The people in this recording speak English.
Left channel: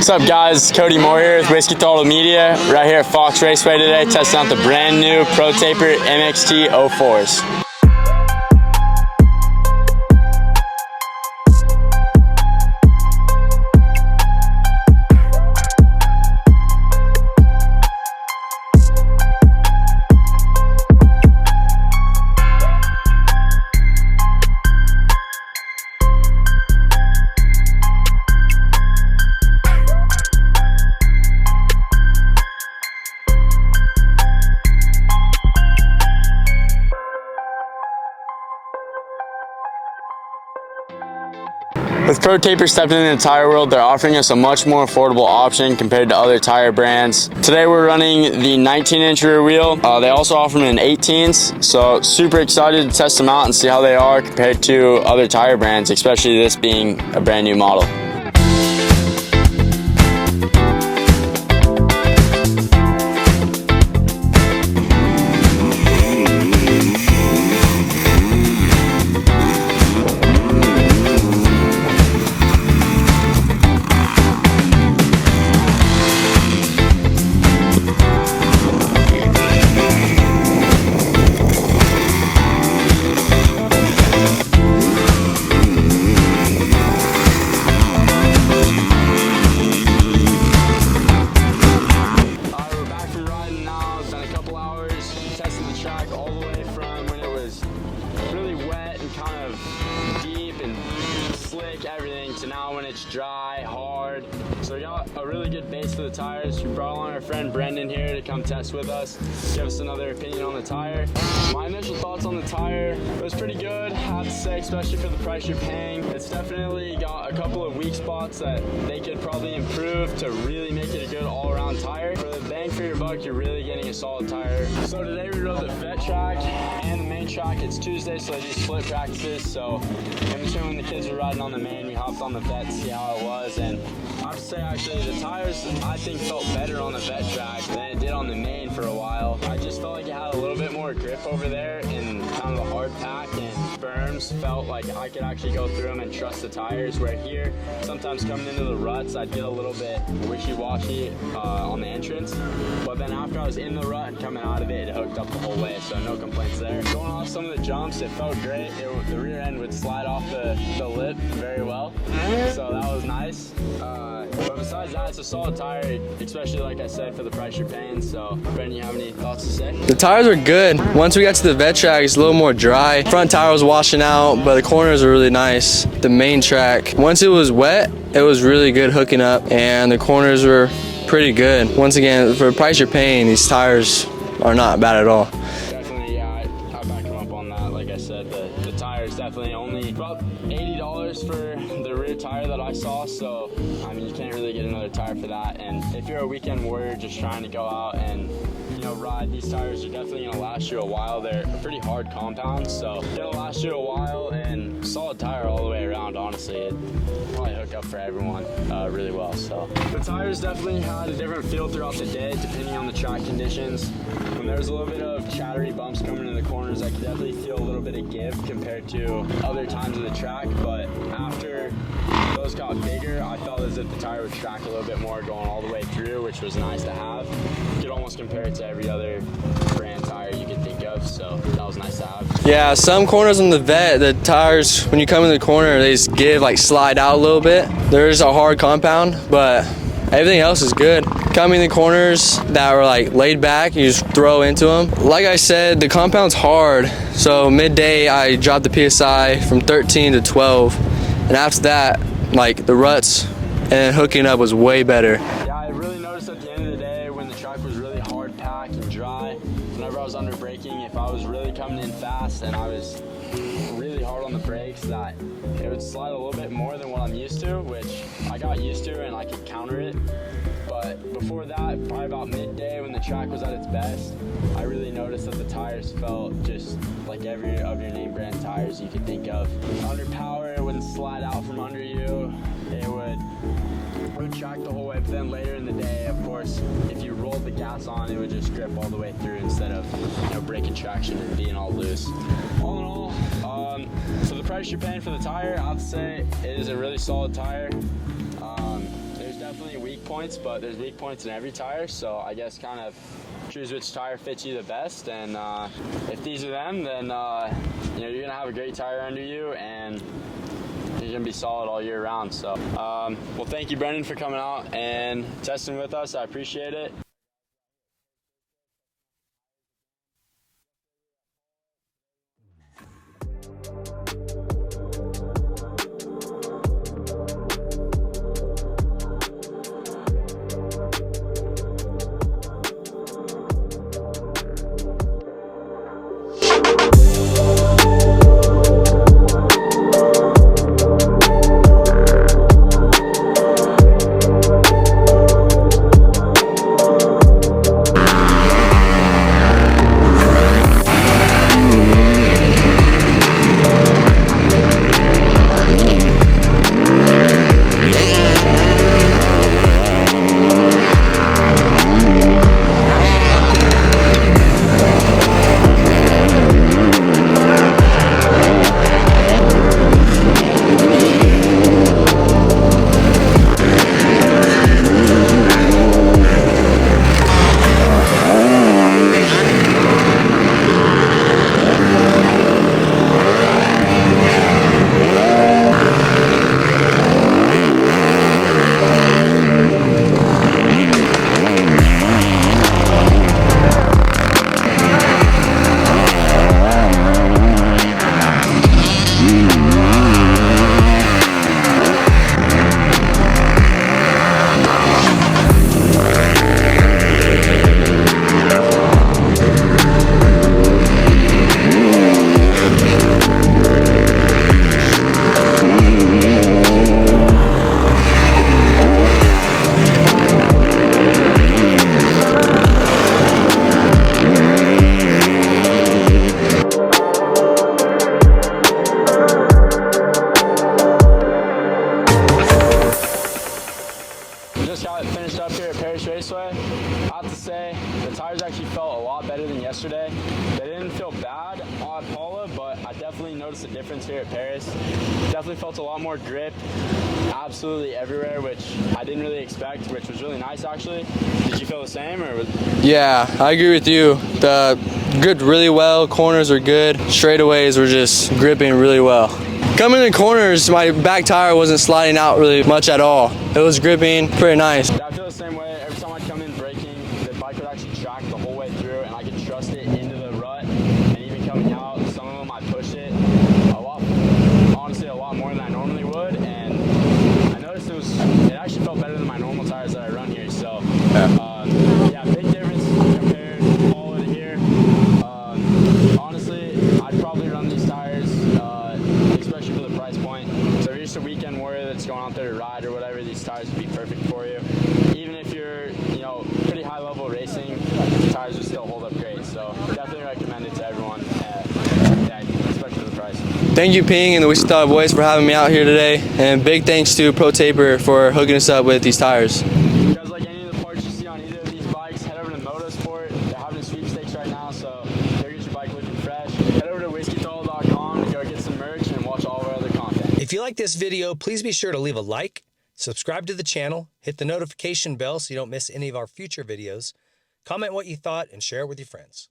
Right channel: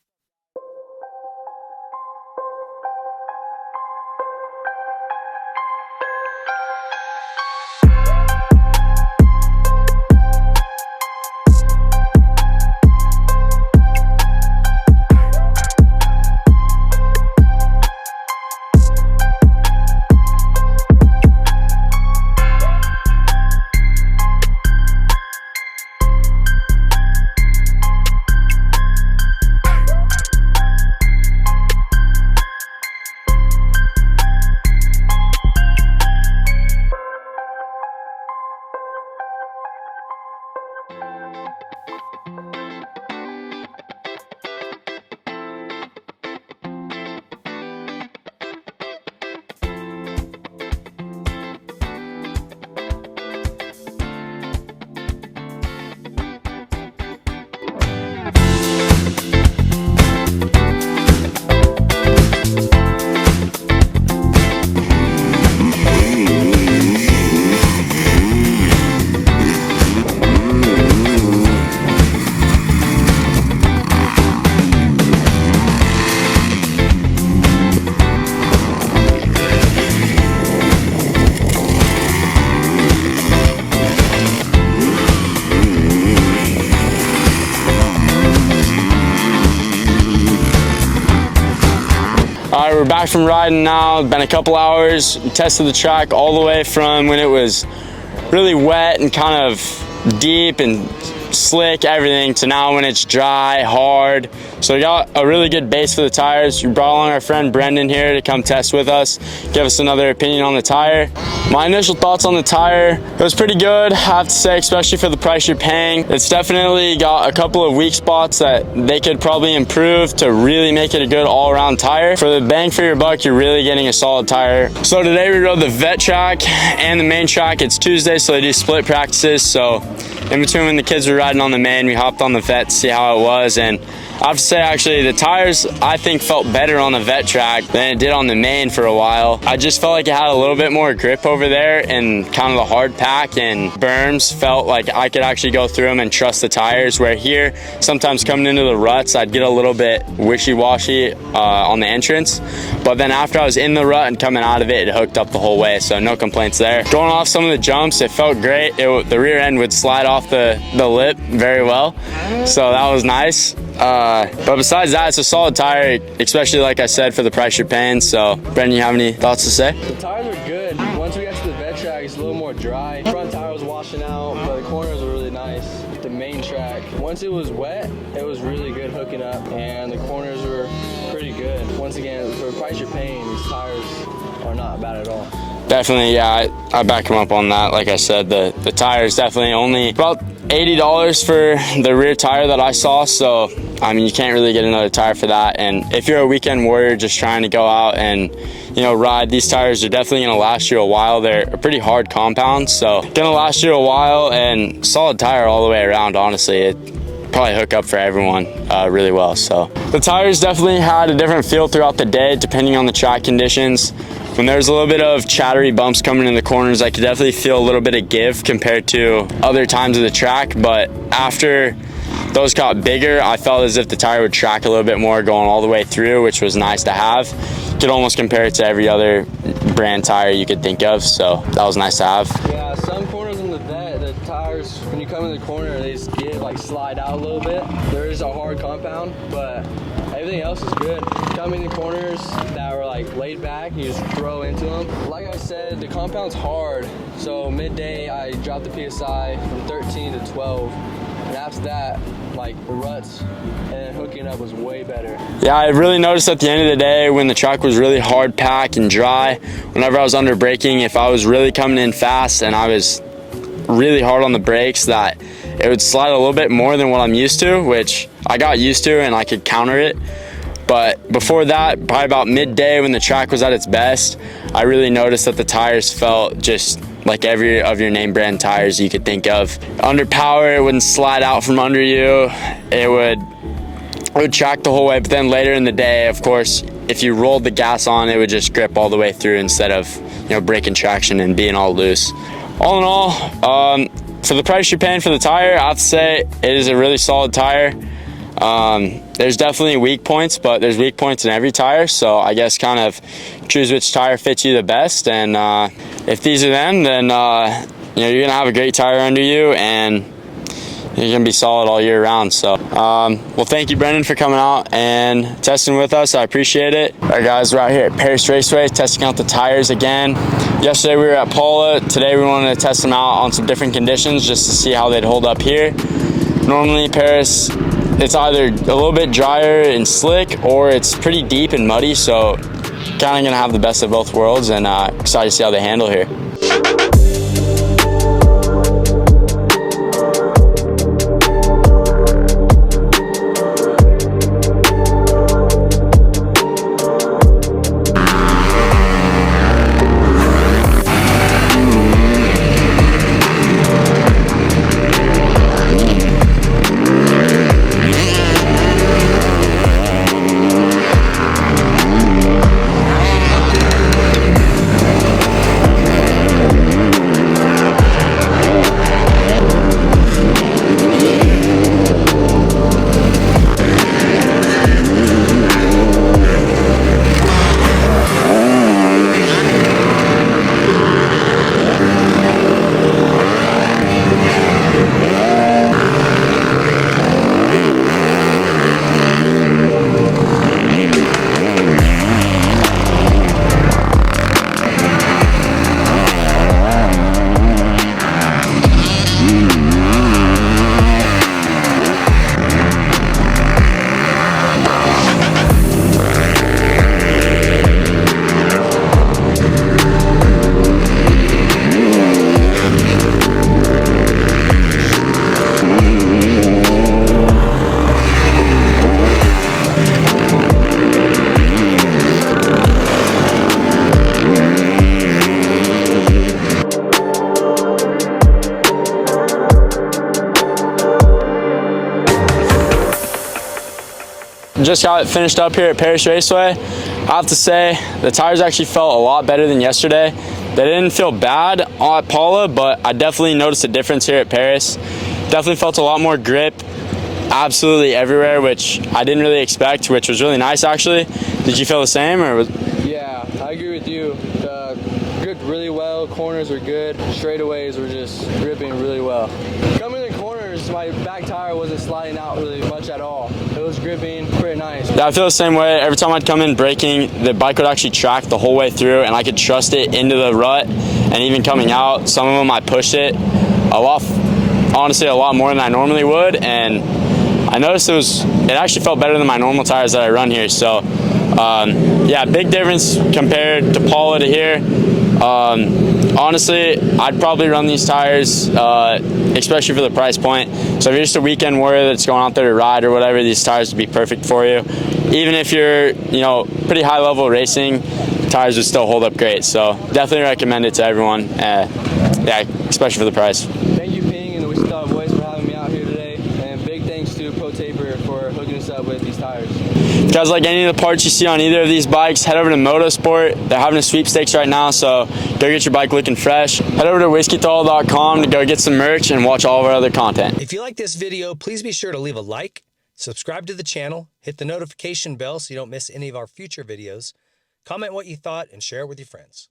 What's up guys, Cody Moore here with WhiskeyThrottleMedia, right here at Perris Raceway today, testing out the brand new Protaper MX 04s. With Protaper stepping into the tire world, they're offering us a much more affordable option compared to other tire brands. Today we're running the 19-inch rear wheel. They also offer them in 18s, so super excited to test them out and see how they are compared to other tire brands, especially this being a brand new model. We're back from riding now. It's been a couple hours. We tested the track all the way from when it was really wet and kind of deep and slick, everything, to now when it's dry, hard. So we got a really good base for the tires. We brought along our friend Brendan here to come test with us, give us another opinion on the tire. My initial thoughts on the tire, it was pretty good, I have to say, especially for the price you're paying. It's definitely got a couple of weak spots that they could probably improve to really make it a good all-around tire. For the bang for your buck, you're really getting a solid tire. So today we rode the vet track and the main track. It's Tuesday, so they do split practices. So in between when the kids were riding on the main, we hopped on the vet to see how it was. And I have to say, actually, the tires, I think, felt better on the vet track than it did on the main for a while. I just felt like it had a little bit more grip over there, and kind of the hard pack and berms felt like I could actually go through them and trust the tires, where here, sometimes coming into the ruts, I'd get a little bit wishy-washy on the entrance. But then after I was in the rut and coming out of it, it hooked up the whole way, so no complaints there. Going off some of the jumps, it felt great. The rear end would slide off the lip very well, so that was nice. But besides that, it's a solid tire, especially like I said, for the price you're paying. So Brendan, you have any thoughts to say? The tires are good. Once we got to the vet track, it's a little more dry. Front tire was washing out, but the corners are really nice. The main track, once it was wet, it was really good hooking up, and the corners were pretty good. Once again, for the price you're paying, these tires are not bad at all. Definitely, yeah, I back him up on that. Like I said, the tires definitely only about $80 for the rear tire that I saw. So, I mean, you can't really get another tire for that. And if you're a weekend warrior just trying to go out and, you know, ride, these tires are definitely gonna last you a while. They're a pretty hard compound, so gonna last you a while, and solid tire all the way around, honestly. It probably hook up for everyone really well. So the tires definitely had a different feel throughout the day depending on the track conditions. When there's a little bit of chattery bumps coming in the corners, I could definitely feel a little bit of give compared to other times of the track. But after those got bigger, I felt as if the tire would track a little bit more going all the way through, which was nice to have. You could almost compare it to every other brand tire you could think of, so that was nice to have. Yeah, some corners on the vet, the tires, when you come in the corner, they just give, like, slide out a little bit. There's a hard compound, but everything else is good. Coming in the corners that were like laid back, you just throw into them. Like I said, the compound's hard. So midday, I dropped the PSI from 13 to 12. And after that, like the ruts and hooking up was way better. Yeah, I really noticed at the end of the day when the track was really hard packed and dry, whenever I was under braking, if I was really coming in fast and I was really hard on the brakes, that it would slide a little bit more than what I'm used to, which I got used to and I could counter it. But before that, probably about midday when the track was at its best, I really noticed that the tires felt just like every of your name brand tires you could think of. Under power, it wouldn't slide out from under you. It would track the whole way, but then later in the day, of course, if you rolled the gas on, it would just grip all the way through instead of, you know, breaking traction and being all loose. All in all, for the price you're paying for the tire, I have to say it is a really solid tire. there's definitely weak points, but there's weak points in every tire. So I guess kind of choose which tire fits you the best. And if these are them, then you're gonna have a great tire under you, and you're gonna be solid all year round. So, well, thank you, Brendan, for coming out and testing with us. I appreciate it. All right, guys, we're out here at Perris Raceway testing out the tires again. Yesterday we were at Paula. Today we wanted to test them out on some different conditions just to see how they'd hold up here. Normally, Perris, it's either a little bit drier and slick, or it's pretty deep and muddy. So, kind of gonna have the best of both worlds, and excited to see how they handle here. Just got it finished up here at Perris Raceway. I have to say, the tires actually felt a lot better than yesterday. They didn't feel bad at Paula, but I definitely noticed a difference here at Perris. Definitely felt a lot more grip absolutely everywhere, which I didn't really expect, which was really nice actually. Did you feel the same? Yeah, I agree with you. The gripped really well, corners are good, straightaways were just gripping really well. Coming in corners, my back tire wasn't sliding out really much at all. It was gripping pretty nice. Yeah, I feel the same way. Every time I'd come in braking, the bike would actually track the whole way through, and I could trust it into the rut. And even coming out, some of them I pushed it honestly a lot more than I normally would, and I noticed it actually felt better than my normal tires that I run here. So yeah, big difference compared to Paula to here. Honestly, I'd probably run these tires, especially for the price point. So if you're just a weekend warrior that's going out there to ride or whatever, these tires would be perfect for you. Even if you're, pretty high level racing, tires would still hold up great. So definitely recommend it to everyone. Yeah, especially for the price. Thank you, Ping and the Whiskey Throttlemedia Boys, for having me out here today, and big thanks to ProTaper for hooking us up with these tires. If you guys like any of the parts you see on either of these bikes, head over to Motorsport. They're having a sweepstakes right now, so go get your bike looking fresh. Head over to WhiskeyThrottleMedia.com to go get some merch and watch all of our other content. If you like this video, please be sure to leave a like, subscribe to the channel, hit the notification bell so you don't miss any of our future videos, comment what you thought, and share it with your friends.